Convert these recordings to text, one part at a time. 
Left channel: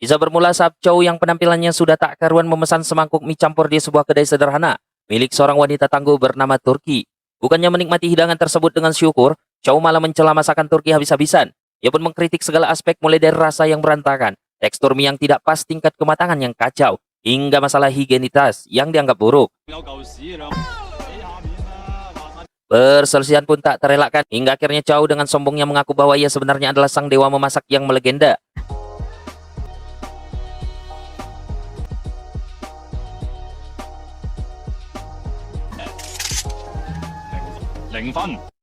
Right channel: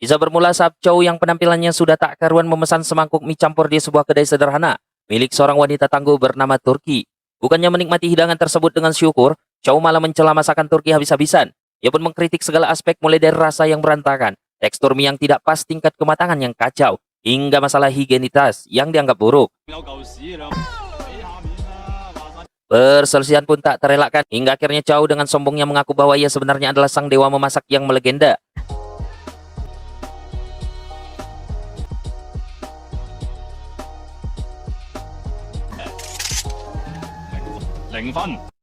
Bisa bermula saat Chow yang penampilannya sudah tak karuan memesan semangkuk mie campur di sebuah kedai sederhana milik seorang wanita tangguh bernama Turki. Bukannya menikmati hidangan tersebut dengan syukur, Chow malah mencela masakan Turki habis-habisan. Ia pun mengkritik segala aspek mulai dari rasa yang berantakan, tekstur mie yang tidak pas, tingkat kematangan yang kacau, hingga masalah higienitas yang dianggap buruk. Perselisihan pun tak terelakkan hingga akhirnya Chow dengan sombongnya mengaku bahwa ia sebenarnya adalah sang dewa memasak yang melegenda.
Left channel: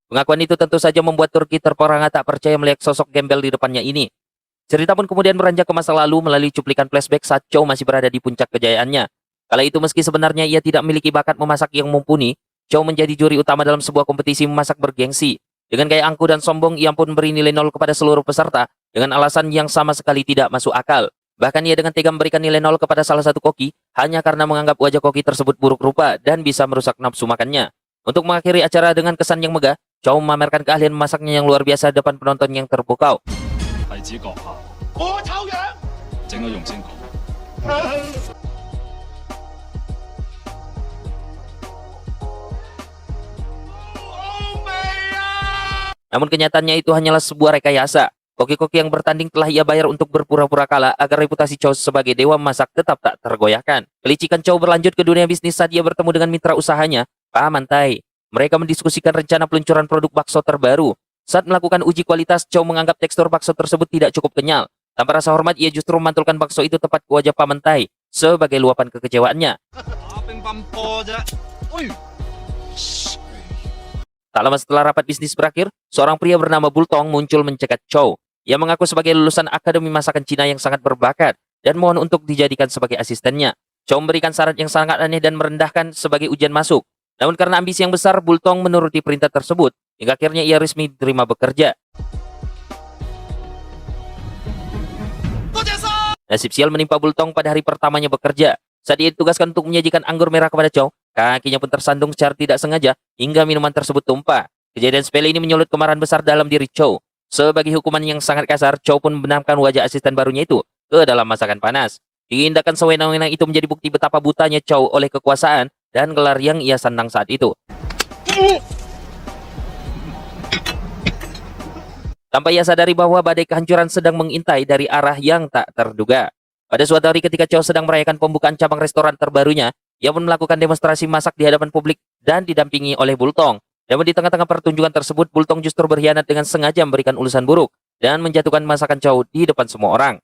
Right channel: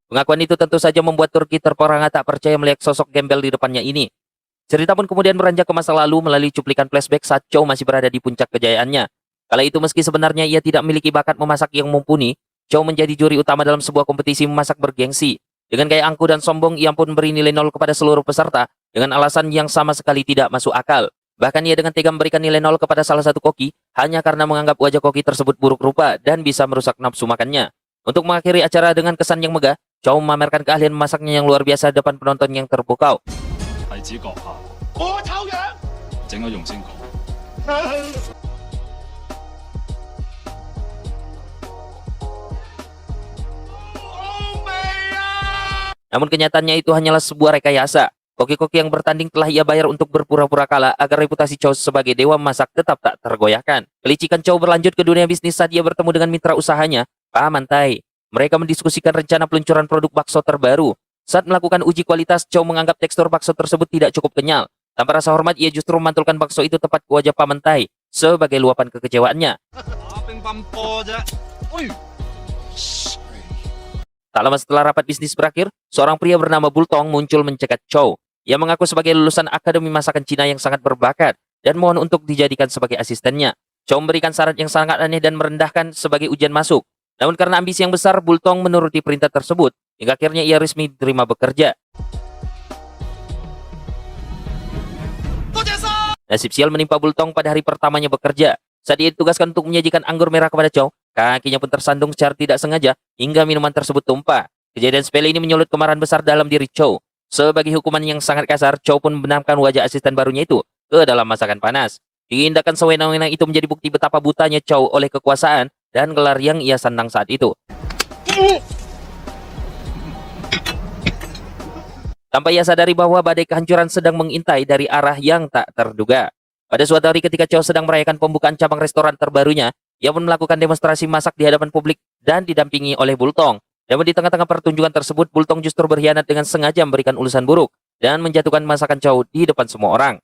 Pengakuan itu tentu saja membuat Turki terperangah tak percaya melihat sosok gembel di depannya ini. Cerita pun kemudian beranjak ke masa lalu melalui cuplikan flashback saat Chow masih berada di puncak kejayaannya. Kala itu meski sebenarnya ia tidak memiliki bakat memasak yang mumpuni, Chow menjadi juri utama dalam sebuah kompetisi memasak bergengsi. Dengan gaya angkuh dan sombong, ia pun beri nilai 0 kepada seluruh peserta dengan alasan yang sama sekali tidak masuk akal. Bahkan ia dengan tega memberikan nilai 0 kepada salah satu koki hanya karena menganggap wajah koki tersebut buruk rupa dan bisa merusak nafsu makannya. Untuk mengakhiri acara dengan kesan yang megah, Chow memamerkan keahlian memasaknya yang luar biasa depan penonton yang terpukau. Namun kenyataannya itu hanyalah sebuah rekayasa. Koki-koki yang bertanding telah ia bayar untuk berpura-pura kalah agar reputasi Chow sebagai dewa masak tetap tak tergoyahkan. Kelicikan Chow berlanjut ke dunia bisnis saat ia bertemu dengan mitra usahanya, Pak Mantai. Mereka mendiskusikan rencana peluncuran produk bakso terbaru. Saat melakukan uji kualitas, Chow menganggap tekstur bakso tersebut tidak cukup kenyal. Tanpa rasa hormat, ia justru memantulkan bakso itu tepat ke wajah Pak Mantai sebagai luapan kekecewaannya. Tak lama setelah rapat bisnis berakhir, seorang pria bernama Bultong muncul mencegat Chow. Ia mengaku sebagai lulusan Akademi Masakan Cina yang sangat berbakat dan mohon untuk dijadikan sebagai asistennya. Chow memberikan syarat yang sangat aneh dan merendahkan sebagai ujian masuk. Namun karena ambisi yang besar, Bultong menuruti perintah tersebut, hingga akhirnya ia resmi diterima bekerja. Nasib sial menimpa Bultong pada hari pertamanya bekerja. Saat dia ditugaskan untuk menyajikan anggur merah kepada Chow, kakinya pun tersandung secara tidak sengaja, hingga minuman tersebut tumpah. Kejadian sepele ini menyulut kemarahan besar dalam diri Chow. Sebagai hukuman yang sangat kasar, Chow pun membenamkan wajah asisten barunya itu ke dalam masakan panas. Tindakan sewenang-wenang itu menjadi bukti betapa butanya Chow oleh kekuasaan dan gelar yang ia sandang saat itu. Tanpa ia sadari bahwa badai kehancuran sedang mengintai dari arah yang tak terduga. Pada suatu hari ketika Chow sedang merayakan pembukaan cabang restoran terbarunya, ia pun melakukan demonstrasi masak di hadapan publik dan didampingi oleh Bultong. Namun di tengah-tengah pertunjukan tersebut, Bultong justru berkhianat dengan sengaja memberikan ulasan buruk dan menjatuhkan masakan Chow di depan semua orang.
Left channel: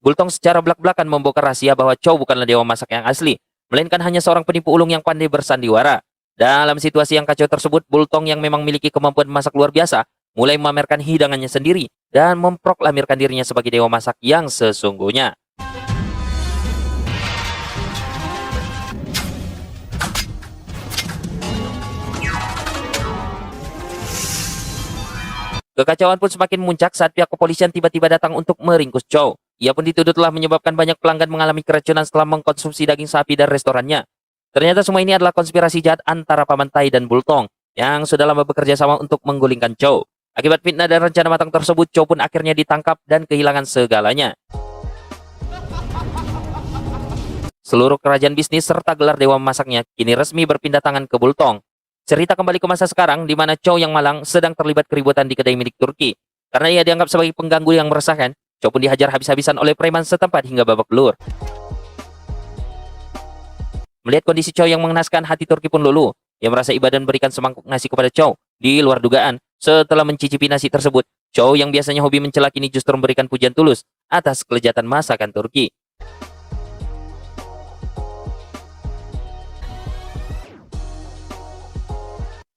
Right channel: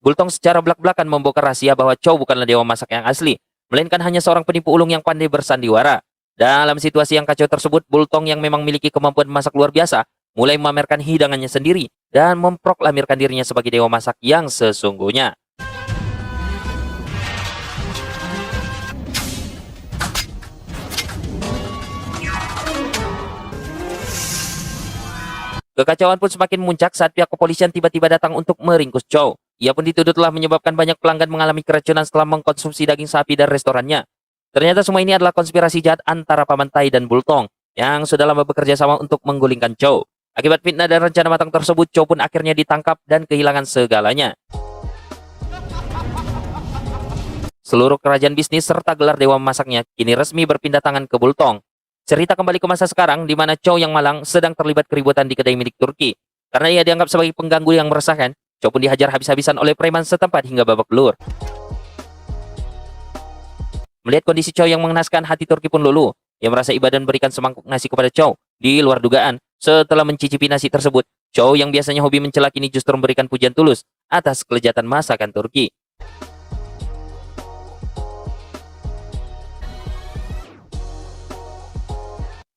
Bultong secara belak-belakan membongkar rahasia bahwa Chow bukanlah dewa masak yang asli, melainkan hanya seorang penipu ulung yang pandai bersandiwara. Dalam situasi yang kacau tersebut, Bultong yang memang memiliki kemampuan masak luar biasa, mulai memamerkan hidangannya sendiri dan memproklamirkan dirinya sebagai dewa masak yang sesungguhnya. Kekacauan pun semakin memuncak saat pihak kepolisian tiba-tiba datang untuk meringkus Chow. Ia pun dituduh telah menyebabkan banyak pelanggan mengalami keracunan setelah mengkonsumsi daging sapi dari restorannya. Ternyata semua ini adalah konspirasi jahat antara Pak Mantai dan Bultong yang sudah lama bekerja sama untuk menggulingkan Chow. Akibat fitnah dan rencana matang tersebut, Chow pun akhirnya ditangkap dan kehilangan segalanya. Seluruh kerajaan bisnis serta gelar dewa memasaknya kini resmi berpindah tangan ke Bultong. Cerita kembali ke masa sekarang di mana Chow yang malang sedang terlibat keributan di kedai milik Turki. Karena ia dianggap sebagai pengganggu yang meresahkan, Chow pun dihajar habis-habisan oleh preman setempat hingga babak belur. Melihat kondisi Chow yang mengenaskan, hati Turki pun luluh. Ia merasa iba dan berikan semangkuk nasi kepada Chow. Di luar dugaan, setelah mencicipi nasi tersebut, Chow yang biasanya hobi mencela kini justru memberikan pujian tulus atas kelezatan masakan Turki.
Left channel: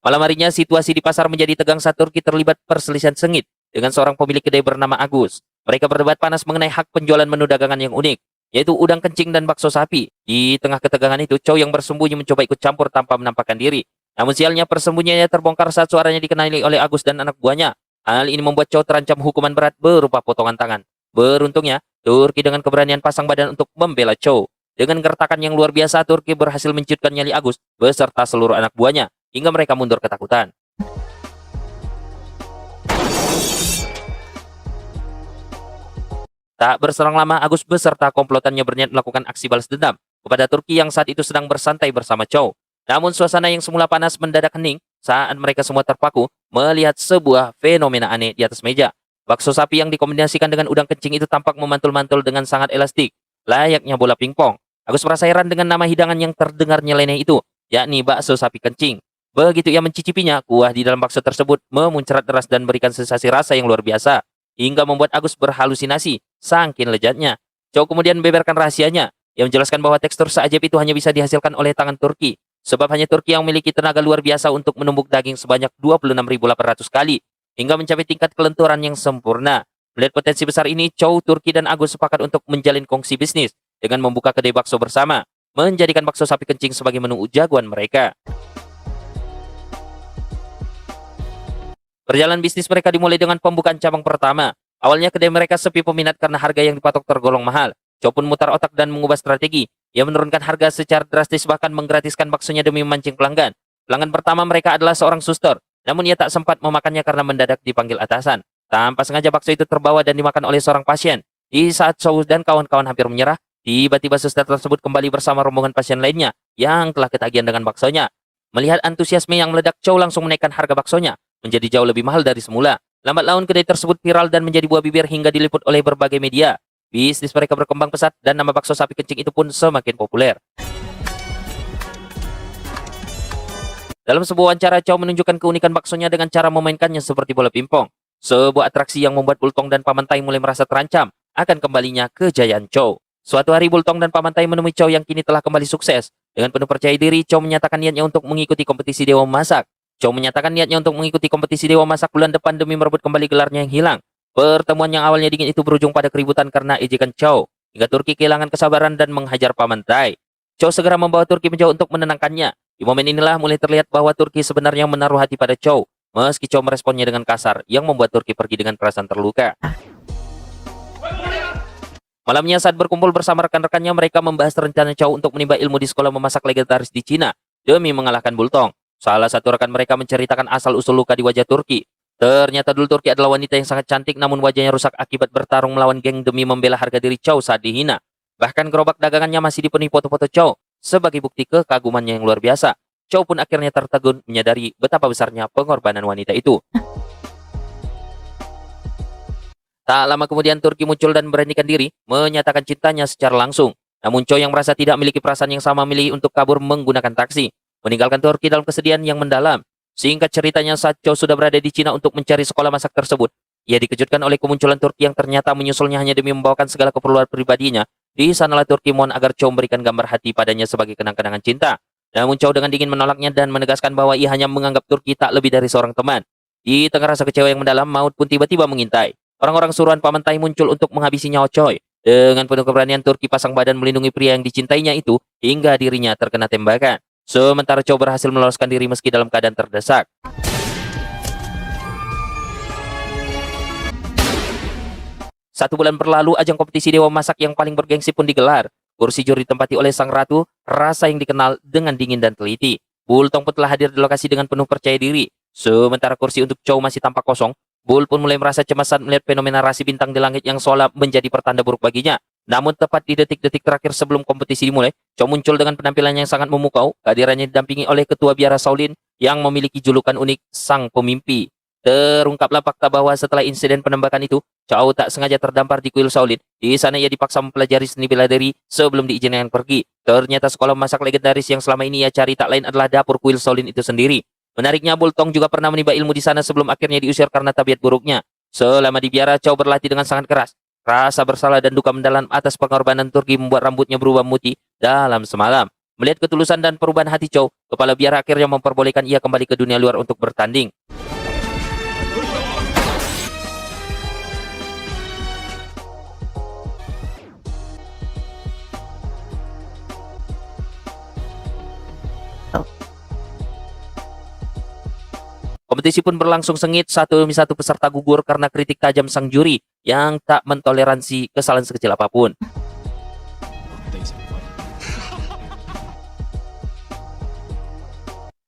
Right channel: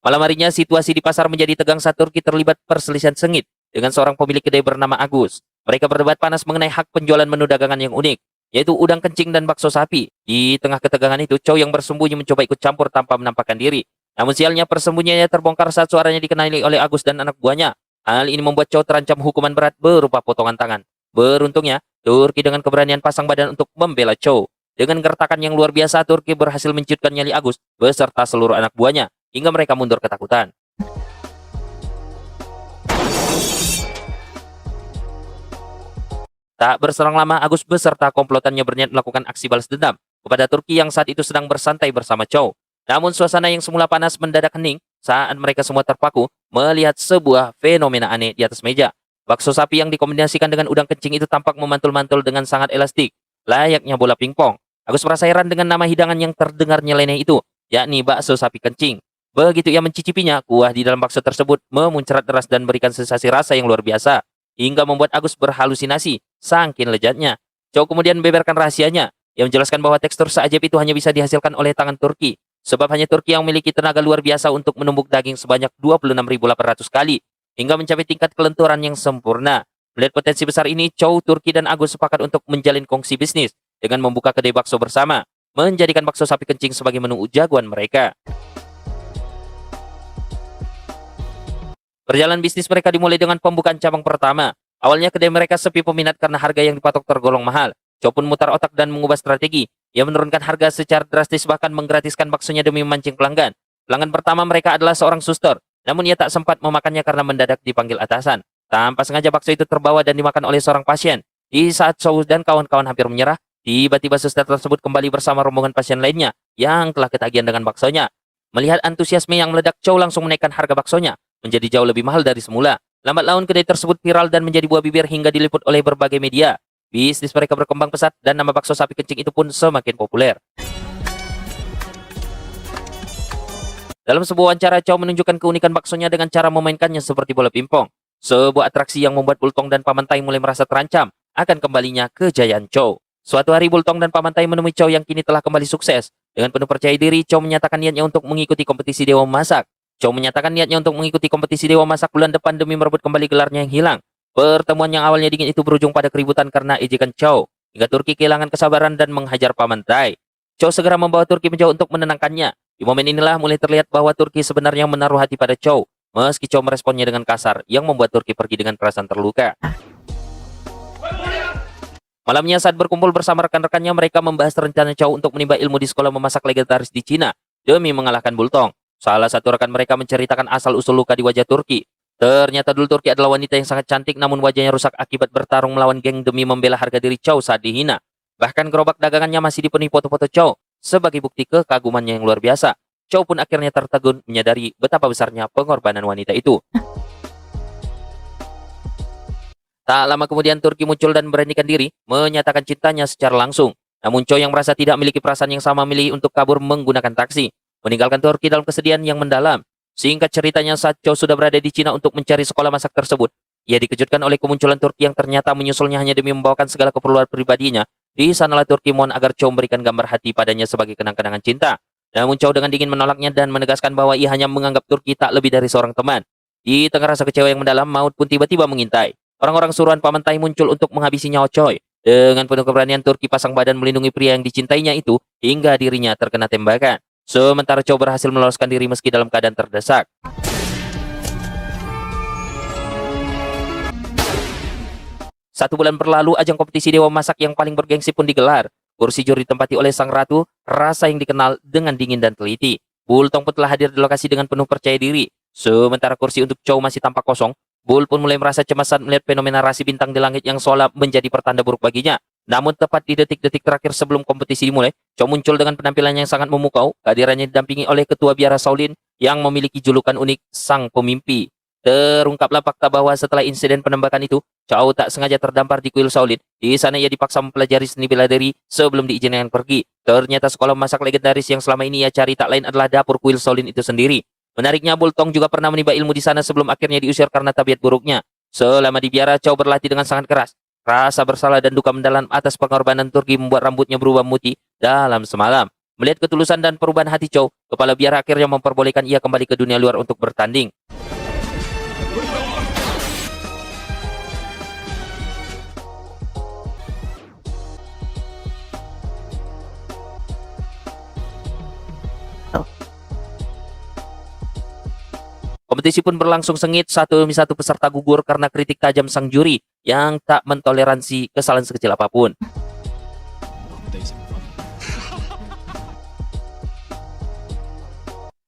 Malam harinya, situasi di pasar menjadi tegang saat Turki terlibat perselisihan sengit dengan seorang pemilik kedai bernama Agus. Mereka berdebat panas mengenai hak penjualan menu dagangan yang unik, yaitu udang kencing dan bakso sapi. Di tengah ketegangan itu, Chow yang bersembunyi mencoba ikut campur tanpa menampakkan diri. Namun sialnya, persembunyiannya terbongkar saat suaranya dikenali oleh Agus dan anak buahnya. Hal ini membuat Chow terancam hukuman berat berupa potongan tangan. Beruntungnya, Turki dengan keberanian pasang badan untuk membela Chow. Dengan gertakan yang luar biasa, Turki berhasil menciutkan nyali Agus beserta seluruh anak buahnya hingga mereka mundur ketakutan. Tak berselang lama, Agus beserta komplotannya berniat melakukan aksi balas dendam kepada Turki yang saat itu sedang bersantai bersama Chow. Namun suasana yang semula panas mendadak hening saat mereka semua terpaku melihat sebuah fenomena aneh di atas meja. Bakso sapi yang dikombinasikan dengan udang kencing itu tampak memantul-mantul dengan sangat elastik, layaknya bola pingpong. Agus merasa heran dengan nama hidangan yang terdengar nyeleneh itu, yakni bakso sapi kencing. Begitu ia mencicipinya, kuah di dalam bakso tersebut memuncrat deras dan berikan sensasi rasa yang luar biasa, hingga membuat Agus berhalusinasi, saking lezatnya. Chow kemudian membeberkan rahasianya, yang menjelaskan bahwa tekstur seajaib itu hanya bisa dihasilkan oleh tangan Turki, sebab hanya Turki yang memiliki tenaga luar biasa untuk menumbuk daging sebanyak 26.800 kali, hingga mencapai tingkat kelenturan yang sempurna. Melihat potensi besar ini, Chow, Turki, dan Agus sepakat untuk menjalin kongsi bisnis dengan membuka kedai bakso bersama, menjadikan bakso sapi kencing sebagai menu jagoan mereka. Perjalanan bisnis mereka dimulai dengan pembukaan cabang pertama. Awalnya kedai mereka sepi peminat karena harga yang dipatok tergolong mahal. Chow pun mutar otak dan mengubah strategi. Ia menurunkan harga secara drastis, bahkan menggratiskan baksonya demi memancing pelanggan. Pelanggan pertama mereka adalah seorang suster, namun ia tak sempat memakannya karena mendadak dipanggil atasan. Tanpa sengaja bakso itu terbawa dan dimakan oleh seorang pasien. Di saat Chow dan kawan-kawan hampir menyerah, tiba-tiba suster tersebut kembali bersama rombongan pasien lainnya yang telah ketagihan dengan baksonya. Melihat antusiasme yang meledak, Chow langsung menaikkan harga baksonya menjadi jauh lebih mahal dari semula. Lambat laun kedai tersebut viral dan menjadi buah bibir hingga diliput oleh berbagai media. Bisnis mereka berkembang pesat dan nama bakso sapi kencing itu pun semakin populer. Dalam sebuah wawancara, Chow menunjukkan keunikan baksonya dengan cara memainkannya seperti bola pingpong. Sebuah atraksi yang membuat Bultong dan Pamantai mulai merasa terancam akan kembalinya kejayaan Chow. Suatu hari Bultong dan Pamantai menemui Chow yang kini telah kembali sukses. Dengan penuh percaya diri, Chow menyatakan niatnya untuk mengikuti kompetisi Dewa Memasak. Chow menyatakan niatnya untuk mengikuti kompetisi Dewa Masak bulan depan demi merebut kembali gelarnya yang hilang. Pertemuan yang awalnya dingin itu berujung pada keributan karena ejekan Chow, hingga Turki kehilangan kesabaran dan menghajar Pamantai. Chow segera membawa Turki menjauh untuk menenangkannya. Di momen inilah mulai terlihat bahwa Turki sebenarnya menaruh hati pada Chow, meski Chow meresponnya dengan kasar, yang membuat Turki pergi dengan perasaan terluka. Malamnya saat berkumpul bersama rekan-rekannya, mereka membahas rencana Chow untuk menimba ilmu di sekolah memasak legendaris di Cina demi mengalahkan Bultong. Salah satu rekan mereka menceritakan asal-usul luka di wajah Turki. Turki adalah wanita yang sangat cantik, namun wajahnya rusak akibat bertarung melawan demi membela harga diri Chow saat dihina. Dagangannya masih diberi foto Chow sebagai bukti keagungan yang luar biasa. Chow pun akhirnya tertegun menyadari betapa besarnya pengorbanan wanita itu. Tak lama kemudian Turki muncul dan memberanikan diri menyatakan cintanya secara langsung. Namun Chow yang merasa tidak memiliki perasaan yang sama memilih untuk kabur menggunakan taksi, meninggalkan Turki dalam kesedihan yang mendalam. Singkat ceritanya, saat Chow sudah berada di Cina untuk mencari sekolah masak tersebut, ia dikejutkan oleh kemunculan Turki yang ternyata menyusulnya hanya demi membawakan segala keperluan pribadinya. Di sanalah Turki mohon agar Chow memberikan gambar hati padanya sebagai kenang-kenangan cinta. Namun Chow dengan dingin menolaknya dan menegaskan bahwa ia hanya menganggap Turki tak lebih dari seorang teman. Di tengah rasa kecewa yang mendalam, maut pun tiba-tiba mengintai. Orang-orang seorang Pamantai muncul untuk menghabisi nyawa Chow. Dengan penuh keberanian Turki pasang badan melindungi pria yang dicintainya itu hingga dirinya terkena tembakan. Sementara Chow berhasil meloloskan diri meski dalam keadaan terdesak. Satu bulan berlalu, ajang kompetisi Dewa Masak yang paling bergengsi pun digelar. Kursi juri ditempati oleh sang ratu, rasa yang dikenal dengan dingin dan teliti. Bultong pun telah hadir di lokasi dengan penuh percaya diri. Sementara kursi untuk Chow masih tampak kosong, Bul pun mulai merasa cemas saat melihat fenomena rasi bintang di langit yang seolah menjadi pertanda buruk baginya. Namun tepat di detik-detik terakhir sebelum kompetisi dimulai, Chow muncul dengan penampilan yang sangat memukau. Kehadirannya didampingi oleh ketua biara Shaolin yang memiliki julukan unik Sang Pemimpi. Terungkaplah fakta bahwa setelah insiden penembakan itu, Chow tak sengaja terdampar di kuil Shaolin. Di sana ia dipaksa mempelajari seni bela diri sebelum diizinkan pergi. Ternyata sekolah masak legendaris yang selama ini ia cari tak lain adalah dapur kuil Shaolin itu sendiri. Menariknya, Bultong juga pernah menimba ilmu di sana sebelum akhirnya diusir karena tabiat buruknya. Selama di biara, Chow berlatih dengan sangat keras. Rasa bersalah dan duka mendalam atas pengorbanan Turki membuat rambutnya berubah putih dalam semalam. Melihat ketulusan dan perubahan hati Chow, kepala biara akhirnya memperbolehkan ia kembali ke dunia luar untuk bertanding. Kompetisi pun berlangsung sengit, satu demi satu peserta gugur karena kritik tajam sang juri yang tak mentoleransi kesalahan sekecil apapun.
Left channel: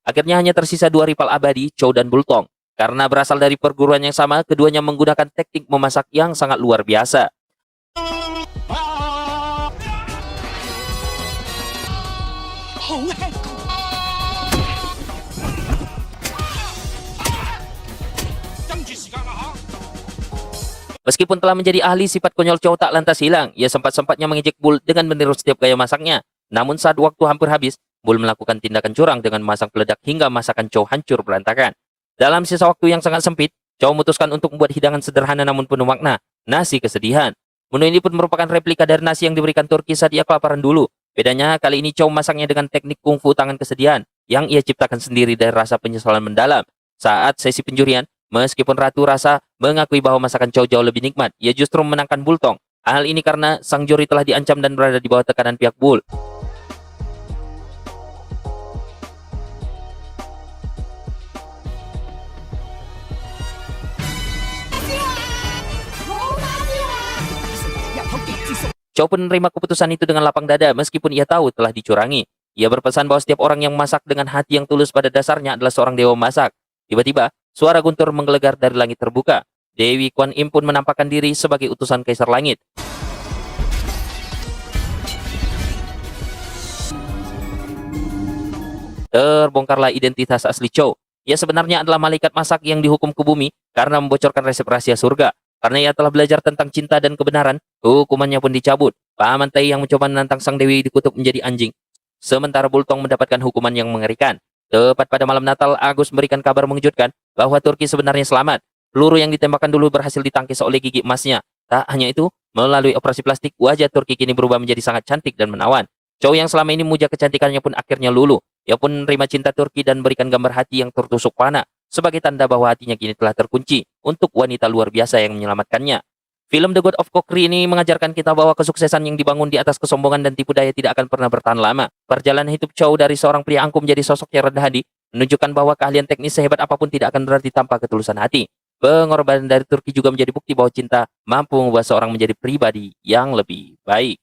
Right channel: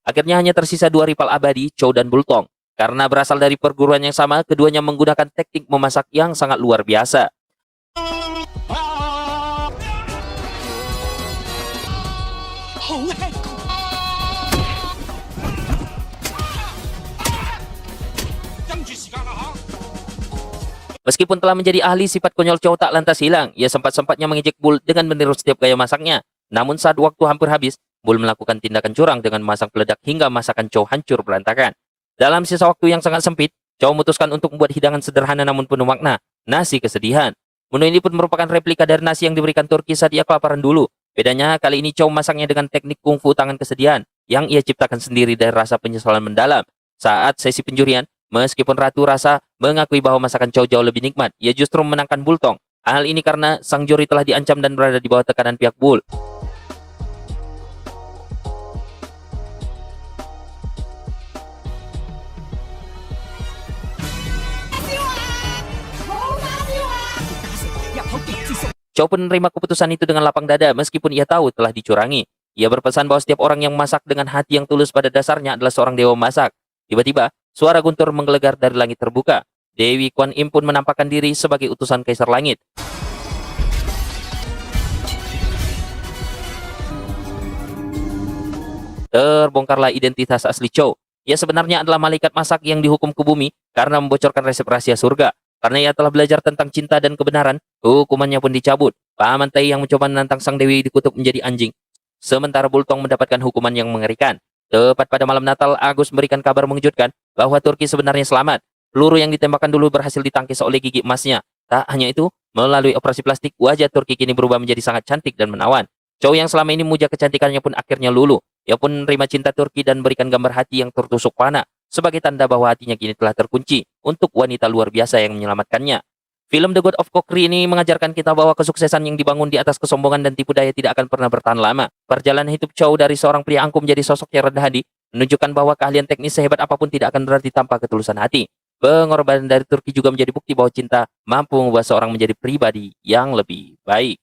Akhirnya hanya tersisa dua rival abadi, Chow dan Bultong. Karena berasal dari perguruan yang sama, keduanya menggunakan teknik memasak yang sangat luar biasa. Meskipun telah menjadi ahli, sifat konyol Chow tak lantas hilang. Ia sempat-sempatnya mengejek Bull dengan meniru setiap gaya masaknya. Namun saat waktu hampir habis, Bull melakukan tindakan curang dengan memasang peledak hingga masakan Chow hancur berantakan. Dalam sisa waktu yang sangat sempit, Chow memutuskan untuk membuat hidangan sederhana namun penuh makna, nasi kesedihan. Menu ini pun merupakan replika dari nasi yang diberikan Turki saat ia kelaparan dulu. Bedanya, kali ini Chow masaknya dengan teknik kungfu tangan kesedihan yang ia ciptakan sendiri dari rasa penyesalan mendalam. Saat sesi penjurian, meskipun Ratu Rasa mengakui bahwa masakan Chow jauh lebih nikmat, ia justru memenangkan Bultong. Hal ini karena sang juri telah diancam dan berada di bawah tekanan pihak Bull. Chow pun menerima keputusan itu dengan lapang dada meskipun ia tahu telah dicurangi. Ia berpesan bahwa setiap orang yang masak dengan hati yang tulus pada dasarnya adalah seorang dewa masak. Tiba-tiba, suara guntur menggelegar dari langit terbuka. Dewi Kuan Im pun menampakkan diri sebagai utusan Kaisar Langit. Terbongkarlah identitas asli Chow. Ia sebenarnya adalah malaikat masak yang dihukum ke bumi karena membocorkan resep rahasia surga. Karena ia telah belajar tentang cinta dan kebenaran, hukumannya pun dicabut. Paman Tai yang mencoba menantang sang dewi dikutuk menjadi anjing. Sementara Bultong mendapatkan hukuman yang mengerikan. Tepat pada malam Natal, Agus memberikan kabar mengejutkan bahwa Turki sebenarnya selamat. Peluru yang ditembakkan dulu berhasil ditangkis oleh gigi emasnya. Tak hanya itu, melalui operasi plastik, wajah Turki kini berubah menjadi sangat cantik dan menawan. Chow yang selama ini memuja kecantikannya pun akhirnya luluh. Ia pun menerima cinta Turki dan memberikan gambar hati yang tertusuk panah sebagai tanda bahwa hatinya kini telah terkunci untuk wanita luar biasa yang menyelamatkannya. Film The God of Kokri ini mengajarkan kita bahwa kesuksesan yang dibangun di atas kesombongan dan tipu daya tidak akan pernah bertahan lama. Perjalanan hidup Chow dari seorang pria angkuh menjadi sosok yang rendah hati menunjukkan bahwa keahlian teknis sehebat apapun tidak akan berarti tanpa ketulusan hati. Pengorbanan dari Turki juga menjadi bukti bahwa cinta mampu membuat seorang menjadi pribadi yang lebih baik.